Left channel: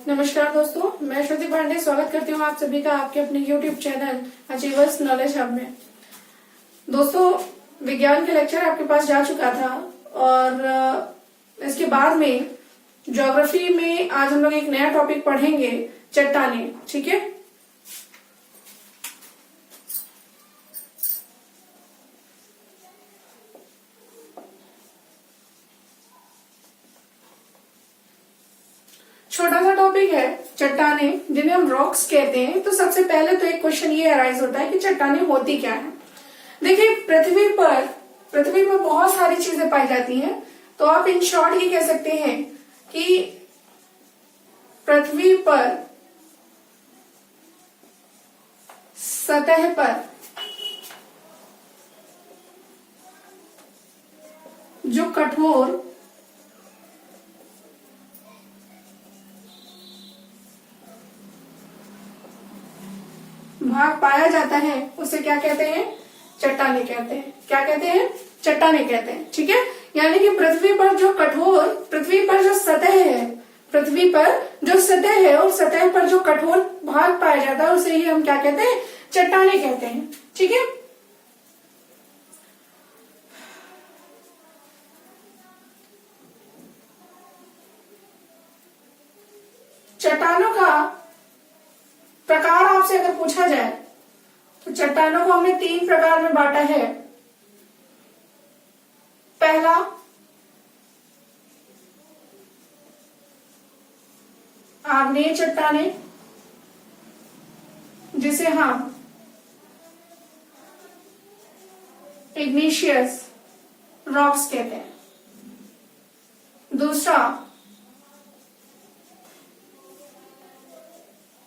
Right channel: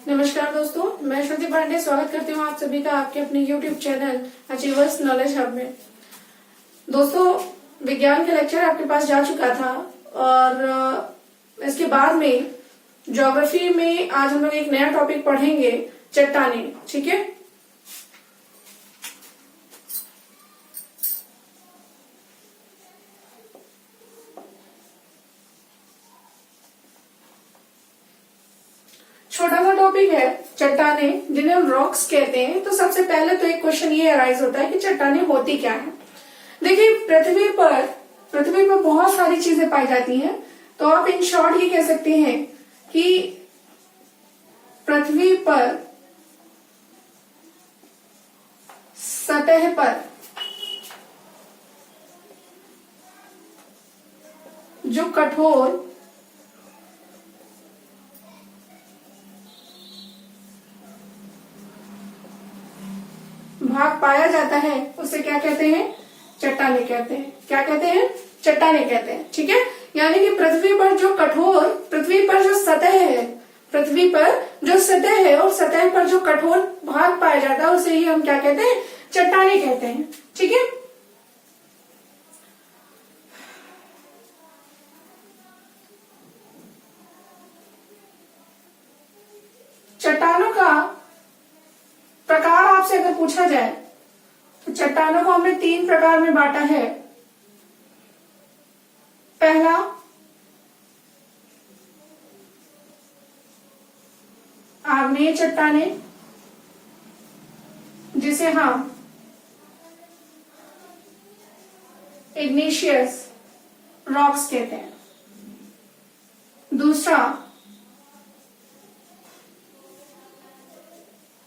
नमस्कार दोस्तों, मैं श्रुति पांडे स्वागत करती हूँ आप सभी का आपके अपने YouTube channel achievers knowledge hub में। दोस्तों, विज्ञान के लेक्चर आपके पास जा चुका था और इसके बाद में ज्योग्राफी में आज हम लोग एक नया टॉपिक पढ़ेंगे, चट्टाने। ठीक है। छोटा सा टॉपिक है चट्टाने, जिन्हें हम रॉक्स कहते हैं। तो सबसे पहले तो एक क्वेश्चन ये अराइज होता है कि चट्टाने होती क्या है। देखिए, पृथ्वी पर बहुत सारी चीजें पाई जाती हैं। तो आप इन शॉर्ट ये कह सकते हैं कि पृथ्वी पर सतह पर जो कठोर भाग पाया जाता है उसे क्या कहते हैं? चट्टाने कहते हैं। क्या कहते हैं? चट्टाने कहते हैं। ठीक है। यानी कि पृथ्वी पर जो सतह है और सतह पर जो कठोर भाग पाया जाता है उसे ही हम क्या कहते हैं? चट्टाने कहते हैं। ठीक है। चट्टानों का प्रकार आपसे अगर पूछा जाए तो चट्टानों को हमने 3 प्रकार में बांटा है। पहला आग्नेय चट्टाने, जिसे हम इग्निशियस रॉक्स कहते हैं। दूसरा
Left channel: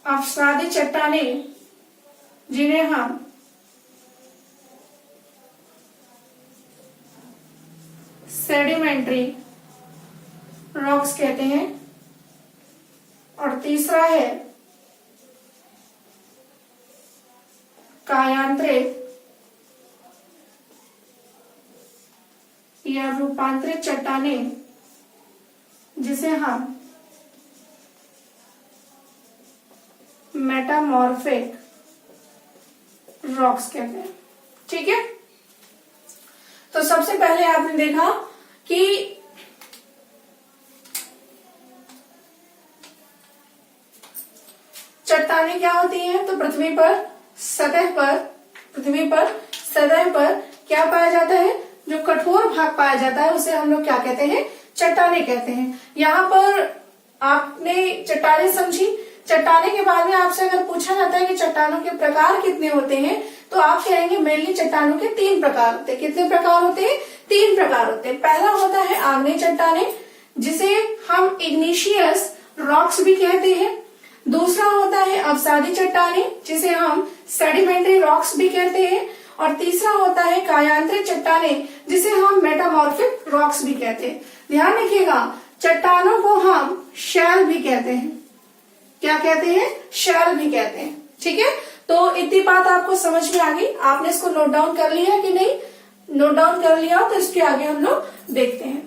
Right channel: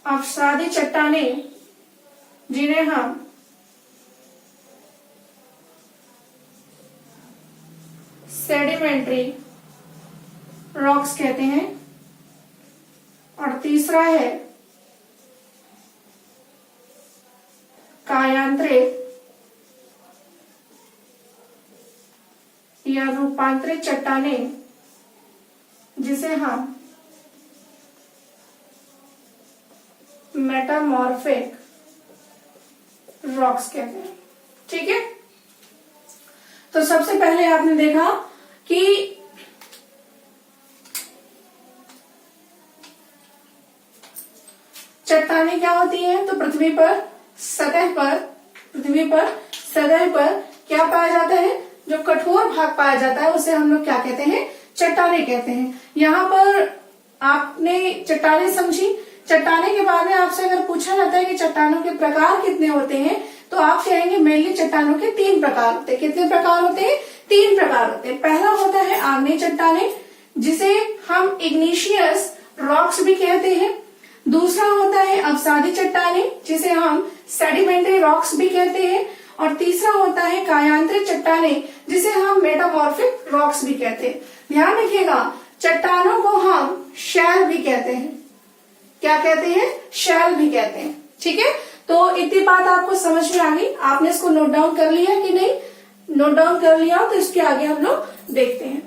अवसादी चट्टाने, जिन्हें हम सेडिमेंट्री रॉक्स कहते हैं। और तीसरा है कायांतरित या रूपांतरित चट्टाने, जिसे हम मेटामॉर्फिक रॉक्स कहते हैं। ठीक है। तो सबसे पहले आपने देखा कि चट्टाने क्या होती है। तो पृथ्वी पर सतह पर क्या पाया जाता है? जो कठोर भाग पाया जाता है उसे हम लोग क्या कहते हैं? चट्टाने कहते हैं। यहाँ पर आपने चट्टाने समझी। चट्टाने के बाद में आपसे अगर पूछा जाता है कि चट्टानों के प्रकार कितने होते हैं, तो आप कहेंगे मेनली चट्टानों के 3 प्रकार होते हैं। कितने प्रकार होते हैं? 3 प्रकार होते हैं। पहला होता है आग्नेय चट्टाने, जिसे हम इग्निशियस रॉक्स भी कहते हैं। दूसरा होता है अवसादी चट्टाने, जिसे हम सेडिमेंट्री रॉक्स भी कहते हैं। और तीसरा होता है कायांतरित चट्टाने, जिसे हम मेटामॉर्फिक रॉक्स भी कहते हैं। ध्यान रखिएगा, चट्टानों को हम शैल भी कहते हैं। क्या कहते हैं? शैल भी कहते हैं। ठीक है। तो इतनी बात आपको समझ में आ गई। आपने इसको नोट डाउन कर लिया है कि नहीं? नोट डाउन कर लिया तो इसके आगे हम लोग देखते हैं।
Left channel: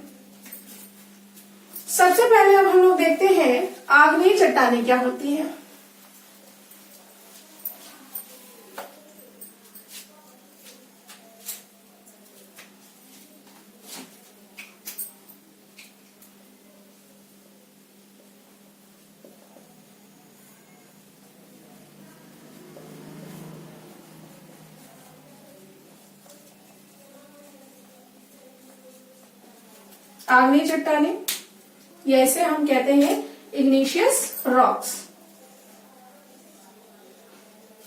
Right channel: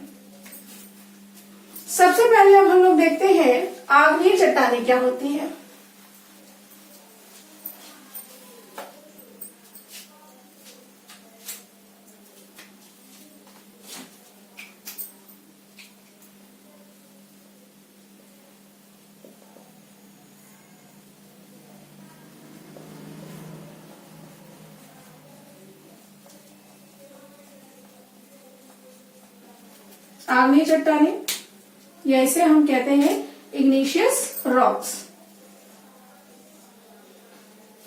सबसे पहले अब हम लोग देखते हैं आग्नेय चट्टाने क्या होती है। आग्नेय चट्टाने, या इसे हम कहते हैं इग्निशियस रॉक्स।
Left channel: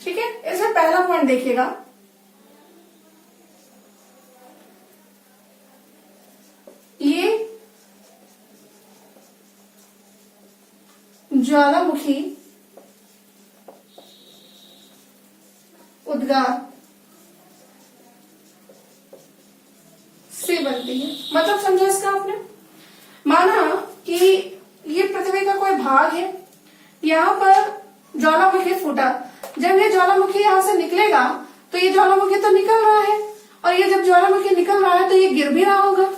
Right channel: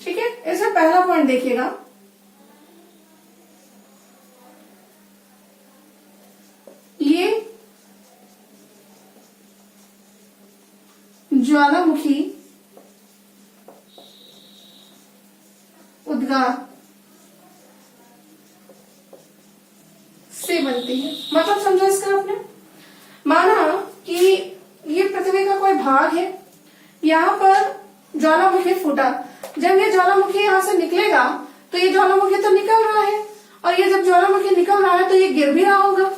ठीक है। इसमें पहला पॉइंट देखिएगा, ये ज्वालामुखी उद्गार से बनती है। मतलब समझो इसका आपने, माना कि ये पृथ्वी का कोई भाग है, यहाँ पर ज्वालामुखी फूटा। जब ये ज्वालामुखी यहाँ से निकलेगा तो ये ज्वालामुखी तो निकल रहा है, और ये जब ज्वालामुखी निकल रहा है तो ये गिर भी रहा होगा,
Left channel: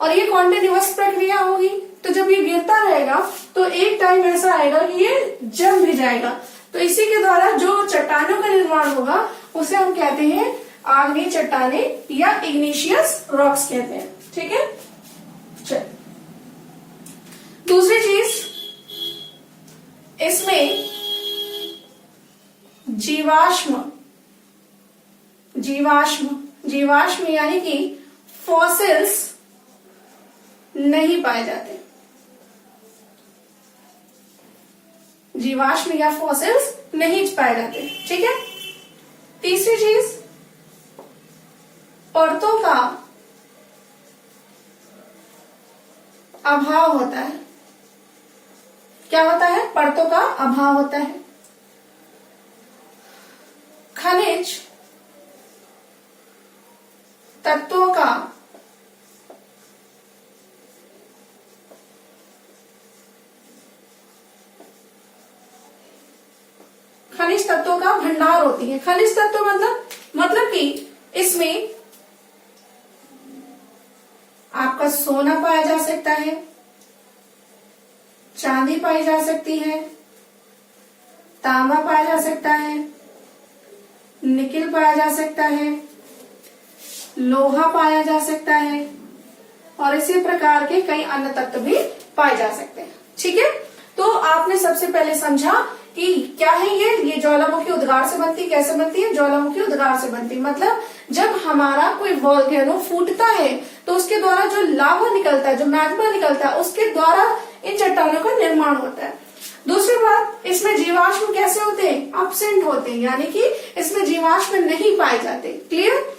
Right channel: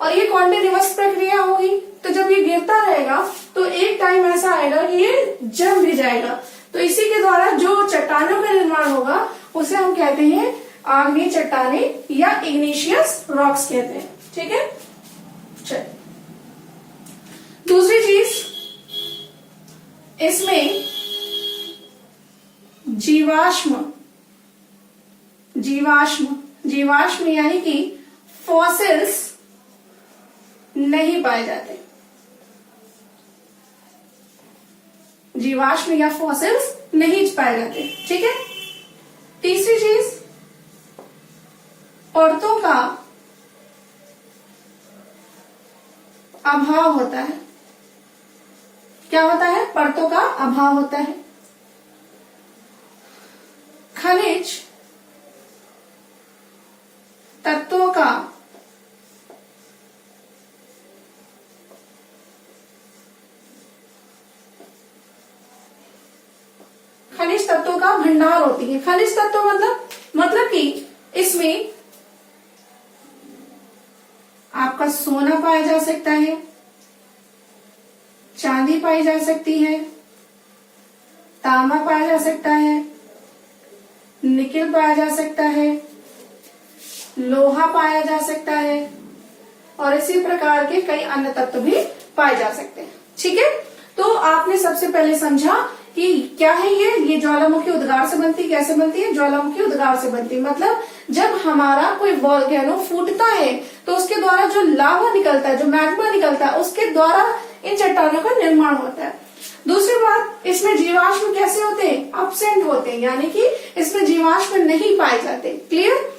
और ये कॉन्टिन्यूअस प्रक्रिया होगी। तो जब ये गिरता रहेगा तो एक टाइम ऐसा आएगा कि ये जम भी जाएगा। तो इसी के द्वारा जो चट्टानों का निर्माण होगा उसे हम कहते हैं आग्नेय चट्टाने या इग्निशियस रॉक्स कहते हैं। ठीक है, चल दूसरी चीज, इसमें जीवाश्म यानी कि फॉसिल्स नहीं पाए जाते। जीवाश्म या फॉसिल्स नहीं पाए जाते। ठीक है, तीसरी चीज, परतों का अभाव होता है। क्या होता है? परतों का अभाव होता है। खनिज तत्वों का भंडार होती है। खनिज तत्व मतलब कि इसमें आपका सोना पाया जा सकता है, चांदी पाई जा सकती है, तांबा पाया जा सकता है, निकेल पाया जा सकता है, लोहा पाया जा सकता है और इसी प्रकार के कई अन्य तत्व भी पाए जा सकते हैं। ठीक है, तो आपने सबसे पहले समझा कि क्या है ये ज्वालामुखी उद्गार से बनती। कैसे बनती है? ज्वालामुखी उद्गार से बनती। मतलब जब हमारा कोई वोल्केनो फूटता है तो उसके द्वारा जो लावा निकलता है, जो मैग्मा निकलता है, उसके द्वारा इन चट्टानों का निर्माण होता है। दूसरी बात, इसमें जीवाश्म कैसे होते हैं? अब्सेंट होते हैं, यानी कि इसमें जीवाश्म नहीं पाए जाते। क्लियर।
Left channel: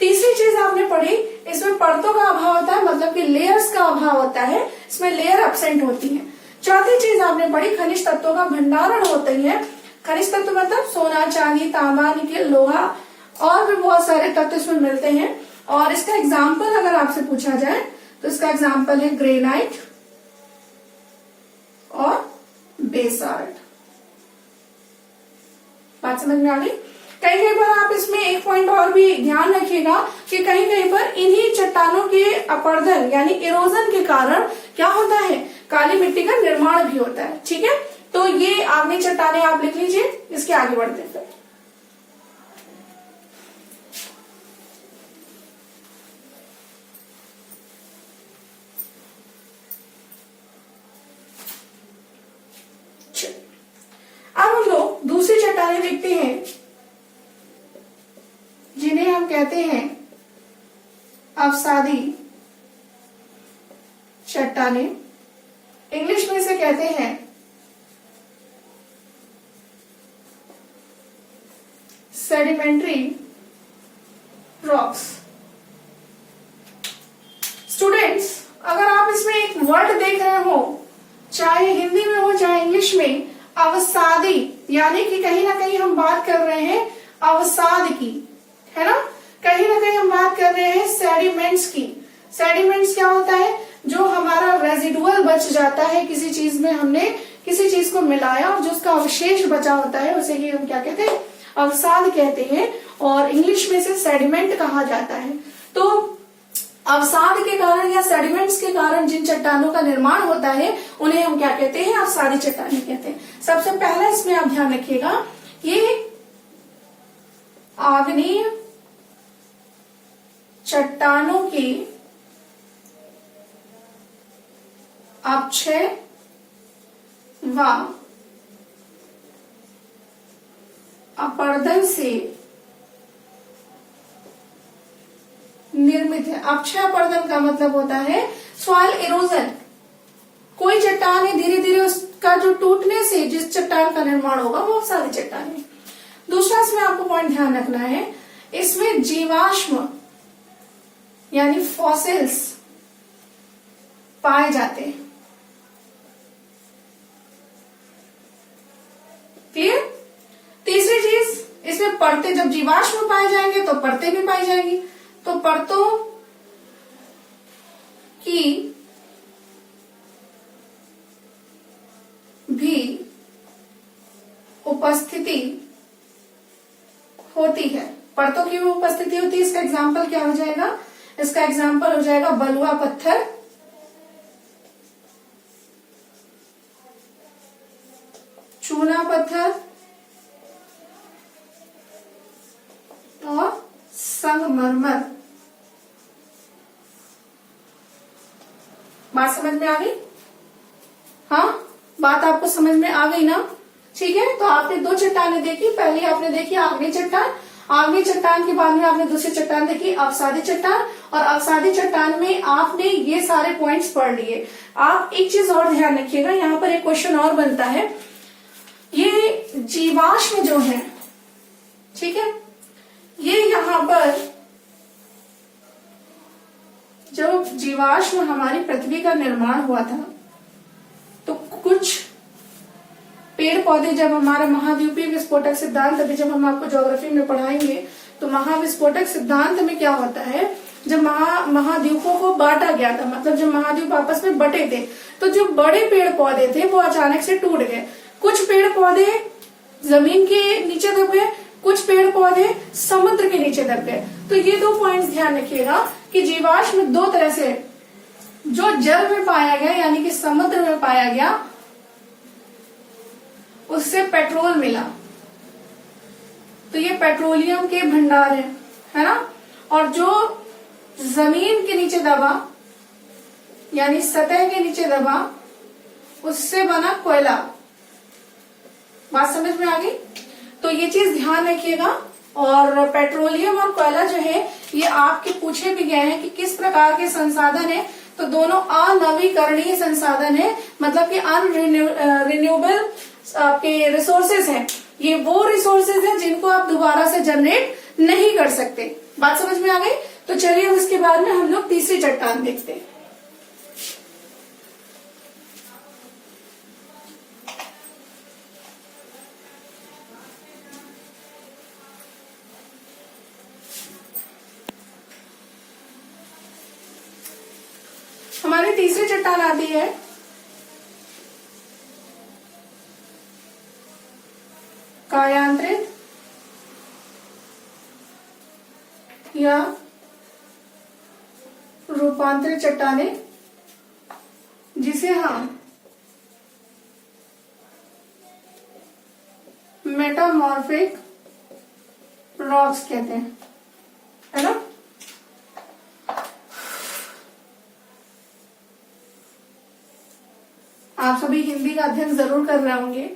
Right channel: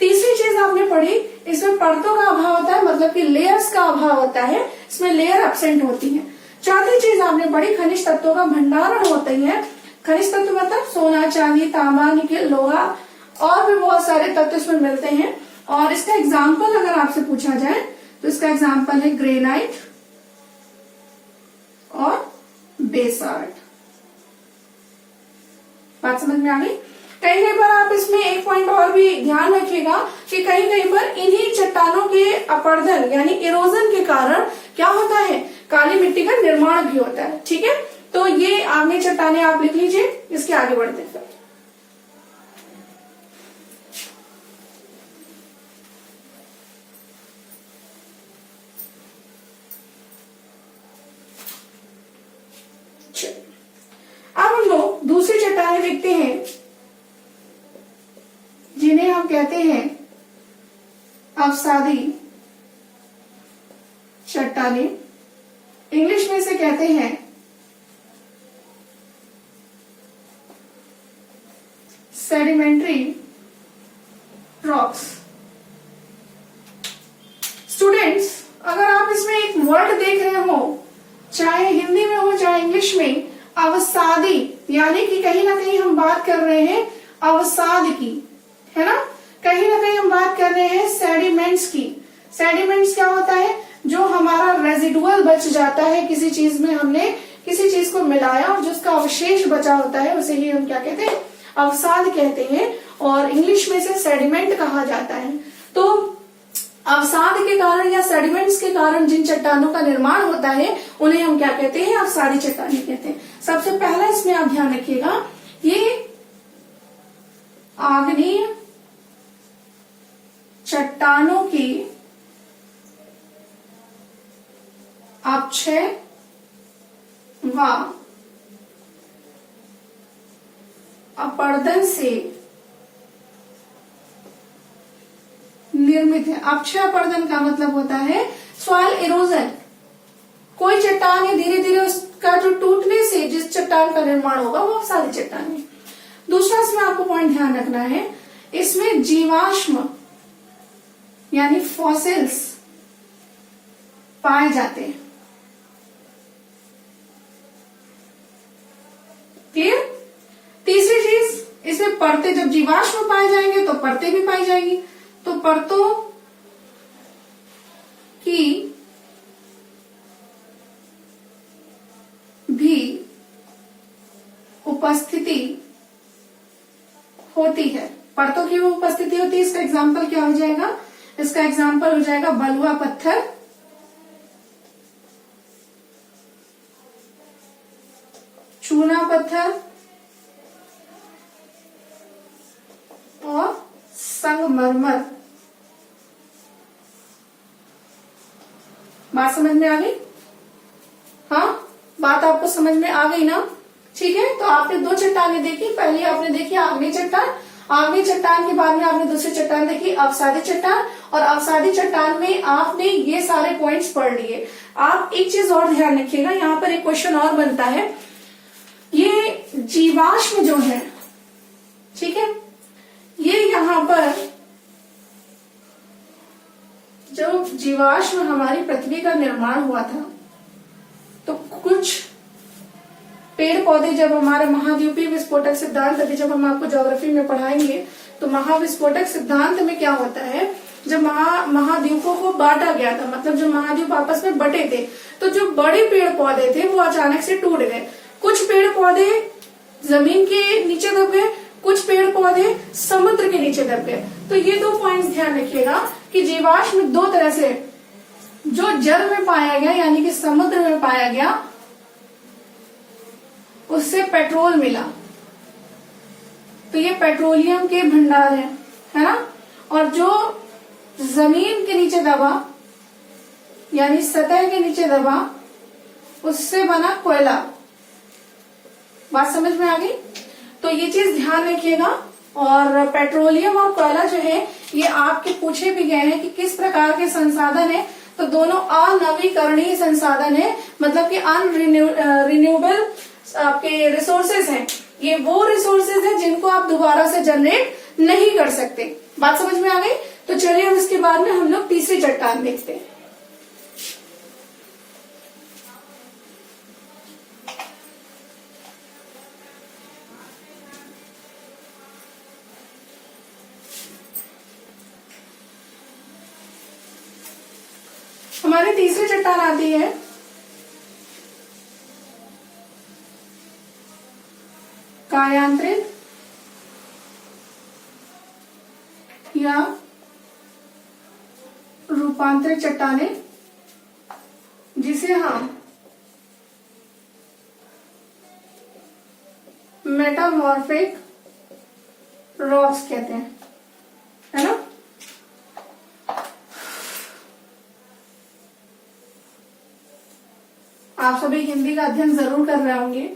तीसरी चीज आपने पढ़ी, इसमें परतों का अभाव होता है, मतलब कि लेयर्स का अभाव होता है, इसमें लेयर अब्सेंट होती है। चौथी चीज आपने पढ़ी, खनिज तत्वों का भंडारण होते हैं। खनिज तत्व मतलब सोना, चांदी, तांबा, निकेल, लोहा और भी बहुत सारे तत्व इसमें मिलते हैं। और इसका एग्जाम्पल अगर आपसे पूछा जाए तो इसका एग्जाम्पल है ग्रेनाइट और बेसाल्ट। बात समझ में आ गई? कहीं कहीं पर आप इसमें एक पॉइंट और भी ध्यान रखिएगा कि कहीं कहीं पर इन्हीं चट्टानों के अपरदन यानी इरोजन के कारण क्या होता है? काली मिट्टी का निर्माण भी होता है। ठीक है, तो ये आग्नेय चट्टानें आप लिख लीजिए। इसके आगे बढ़ते हैं। अब हम लोग दूसरी चट्टानें देखते हैं जिन्हें हम कहते हैं अवसादी चट्टानें। इंग्लिश में इसे कहते हैं सेडिमेंट्री रॉक्स। स्टूडेंट्स, अगर आप इसमें एक वर्ड देख रहे हो, चाहे हिंदी में हो चाहे इंग्लिश में, अवसादी, यानी कि कहीं ना कहीं हम बात कर रहे हैं अवसाद की, है ना? कहीं ना कहीं हम बात कर रहे हैं सेडिमेंट्स की। सेडिमेंट्स क्या होता है? जो हमारा रेजिडुअल बच जाता है, किसी चीज में हमने किसी चीज को मिलाया और जो उसका अवशेष बचा होता है उसे ही हम क्या कहते हैं? अवसाद कहते हैं। और इंग्लिश में इसे सेडिमेंट कहा जाता है। तो अवसाद के कारण या सेडिमेंट्स के कारण जिन चट्टानों का निर्माण होता है उन्हें हम क्या कहते हैं? अवसादी चट्टानें कहते हैं। सबसे पहला इसमें आप ध्यान रखिएगा, ये आग्नेय चट्टानों की अपक्षय व अपरदन से निर्मित है। अपक्षय अपरदन का मतलब होता है सॉइल इरोजन। कोई चट्टान है, धीरे धीरे उसका जो टूटने से जिस चट्टान का निर्माण होगा वो अवसादी चट्टान है। दूसरा इसमें आपको पॉइंट ध्यान रखना है, इसमें जीवाश्म यानी फॉसिल्स पाए जाते हैं। क्लियर? तीसरी चीज, इसमें परतें, जब जीवाश्म पाए जाएंगे तो परतें भी पाई जाएंगी। तो परतों की भी उपस्थिति होती है। परतों की भी उपस्थिति होती है। इसका एग्जाम्पल क्या हो जाएगा? इसका एग्जाम्पल हो जाएगा बलुआ पत्थर, चूना पत्थर और संगमरमर। बात समझ में आ गई? हाँ, बात आपको समझ में आ गई ना? ठीक है, तो आपने दो चट्टानें देखी। पहले आपने देखी आग्नेय चट्टान, आग्नेय चट्टान के बाद में आपने दूसरी चट्टान देखी अवसादी चट्टान, और अवसादी चट्टान में आपने ये सारे पॉइंट्स पढ़ लिए। आप एक चीज और ध्यान रखिएगा, यहाँ पर एक क्वेश्चन और बनता है, ये जीवाश्म जो है, ठीक है, ये यहाँ पर जब जीवाश्म हमारी पृथ्वी का निर्माण हुआ था तो कुछ पेड़ पौधे जब हमारे महाद्वीपीय विस्फोटक सिद्धांत, अभी जब हम आपको ज्योग्राफी में पढ़ाएंगे तो महाविस्फोटक सिद्धांत में क्या होता है, जब महाद्वीपों को बांटा गया था, मतलब जब महाद्वीप आपस में बटे थे, तो जो बड़े पेड़ पौधे थे वो अचानक से टूट गए। कुछ पेड़ पौधे जमीन के नीचे दब गए, कुछ पेड़ पौधे समुद्र के नीचे दब गए। तो ये दो पॉइंट्स ध्यान रखिएगा कि जीवाश्म दो तरह से, जो जल में पाया गया यानी कि समुद्र में पाया गया, उससे पेट्रोल मिला, तो ये पेट्रोलियम के भंडार है ना। और जो जमीन के नीचे दबा यानी सतह के नीचे दबा, उससे बना कोयला। बात समझ में आ गई? तो ये चीज ध्यान रखिएगा। और पेट्रोलियम और कोयला जो है ये आपके पूछे भी गए हैं कि किस प्रकार के संसाधन है, तो दोनों अनवीकरणीय संसाधन है, मतलब कि अनरिन्यूएबल आपके रिसोर्सेज हैं। ये वो रिसोर्सेज हैं जिनको आप दोबारा से जनरेट नहीं कर सकते। बात समझ में आ गई? तो चलिए उसके बाद में हम लोग तीसरी चट्टान देखते हैं। हमारी तीसरी चट्टान आती है कायांतरित या रूपांतरित चट्टानें, जिसे हम मेटामॉर्फिक रॉक्स कहते हैं, है ना। आप सभी हिंदी का अध्ययन जरूर कर रहे होंगे।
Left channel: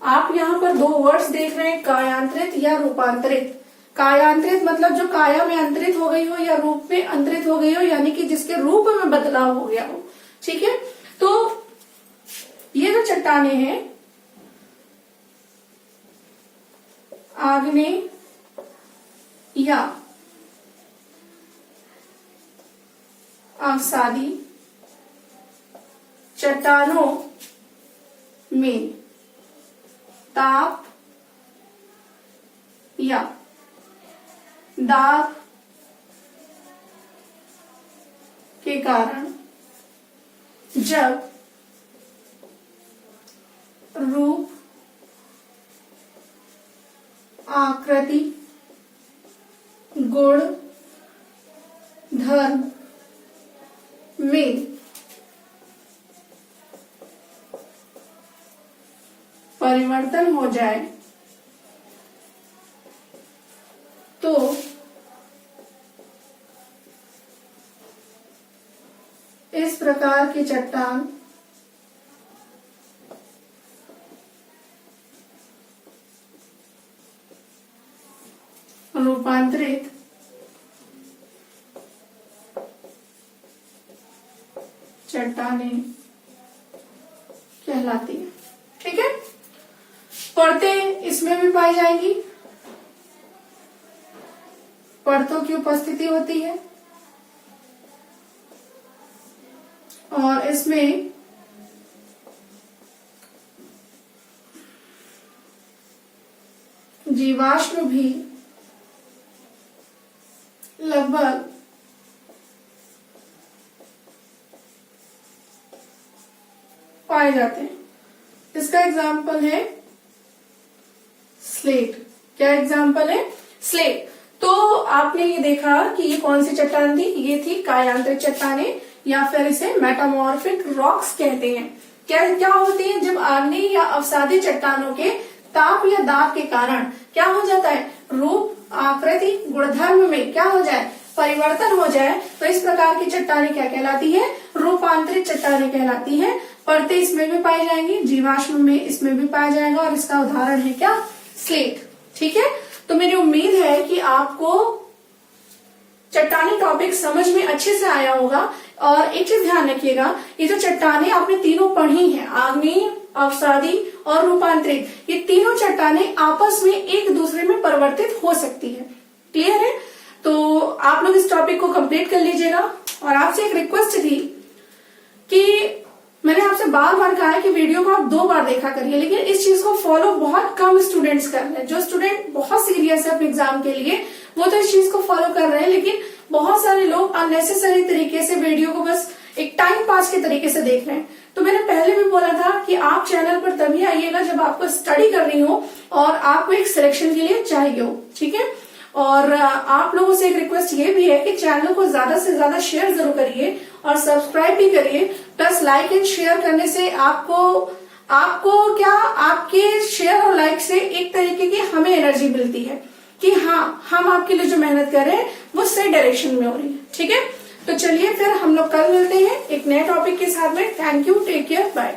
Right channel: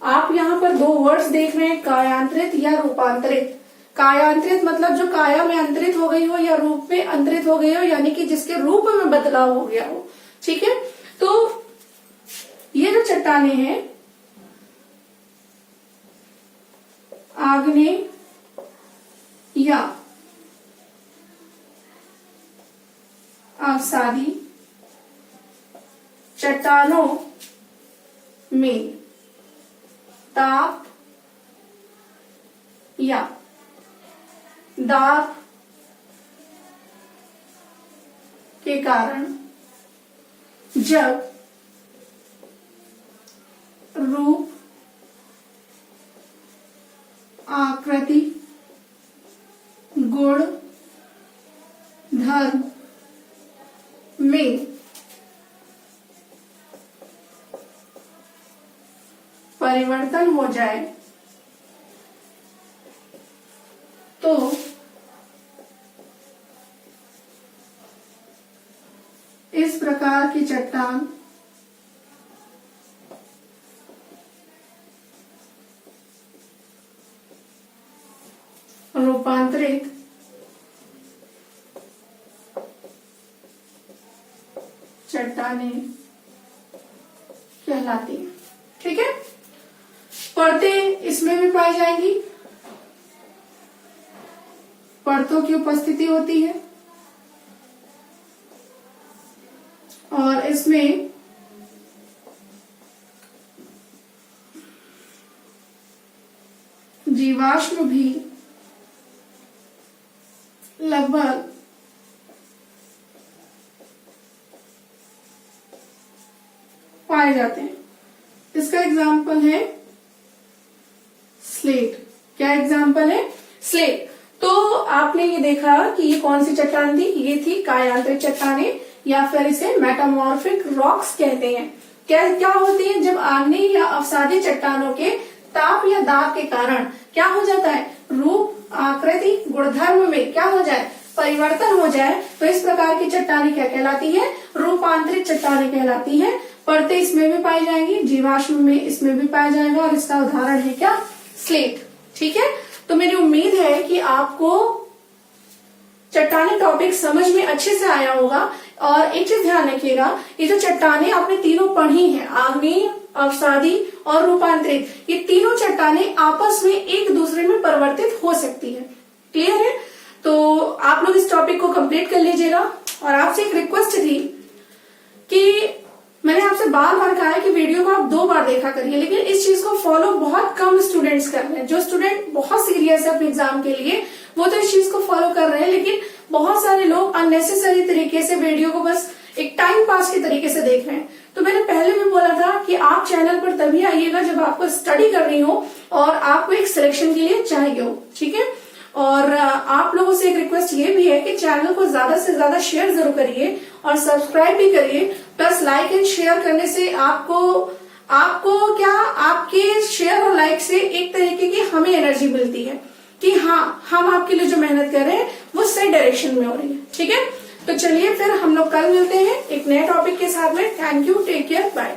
आप यहाँ पर दो वर्ड्स देख रहे हैं, कायांतरित या रूपांतरित। कायांतरित मतलब जो काया में अंतरित हो गई हो या रूप में अंतरित हो गई हो, यानी कि जिसके रूप में बदलाव हो गया हो। ठीक है, तो ये जो चट्टानें हैं आग्नेय या अवसादी चट्टानों में ताप या दाब के कारण जब रूप, आकृति, गुण, धर्म में परिवर्तन हो जाए तो इस प्रकार की चट्टान रूपांतरित चट्टानें कहलाती है। ठीक है, परतें इसमें भी पाई जाएंगी, परतों की उपस्थिति होती है और इसमें जीवाश्म भी लगभग पाए जाते हैं। इसका एग्जाम्पल है स्लेट। क्या एग्जाम्पल है? स्लेट। तो आपने ये देखा कि ये कौन सी चट्टान थी, ये थी कायांतरिक चट्टानें या फिर इसे मेटामॉर्फिक रॉक्स कहते हैं। क्या होती है, जब आग्नेय या अवसादी चट्टानों के ताप या दाब के कारण क्या हो जाता है, रूप, आकृति, गुणधर्म में क्या हो जाए, परिवर्तन हो जाए, तो इस प्रकार की चट्टानें क्या कहलाती है, रूपांतरित चट्टानें कहलाती है। परतें इसमें भी पाई जाएंगी, जीवाश्म में इसमें भी पाया जाएगा, और इसका उदाहरण है क्या, स्लेट। ठीक है, तो मेरी उम्मीद है कि आपको चट्टानी टॉपिक समझ में अच्छे से आया होगा। और एक चीज ध्यान रखिएगा, ये जो चट्टानें आपने तीनों पढ़ी हैं, आग्नेय, अवसादी और रूपांतरित, ये तीनों चट्टानें आपस में एक दूसरे में परिवर्तित हो सकती है। क्लियर है? तो आप लोग इस टॉपिक को कंप्लीट कर लीजिएगा। और आपसे एक रिक्वेस्ट थी कि मैंने आपसे बार बार कहा है कि वीडियो को आप 2 बार देखा करिए, लेकिन इस चीज को फॉलो बहुत कम स्टूडेंट्स कर रहे हैं। जो स्टूडेंट बहुत सीरियस है अपने एग्जाम के लिए वो तो इस चीज को फॉलो कर रहे हैं, लेकिन बहुत सारे लोग अननेसेसरी तरीके से वीडियो को बस एक टाइम पास के तरीके से देख रहे हैं। तो मैंने पहले भी बोला था कि आप चैनल पर तभी आइएगा जब आपको स्टडी करनी हो और आपको एक सिलेक्शन के लिए चाहिए हो। ठीक है, और आप लोगों से एक रिक्वेस्ट ये भी है कि चैनल को ज्यादा से ज्यादा शेयर जरूर करिए और सब्सक्राइब भी करिए। प्लस लाइक एंड शेयर करने से आपको क्या, आपके शेयर और लाइक से एक तरीके की हमें एनर्जी मिलती है कि हाँ, हम आपके लिए जो मेहनत कर रहे हैं वो सही डायरेक्शन में हो रही है। ठीक है, तो चलिए फिर हम लोग कल मिलते हैं एक नए टॉपिक के साथ में। Thank you, take care, bye.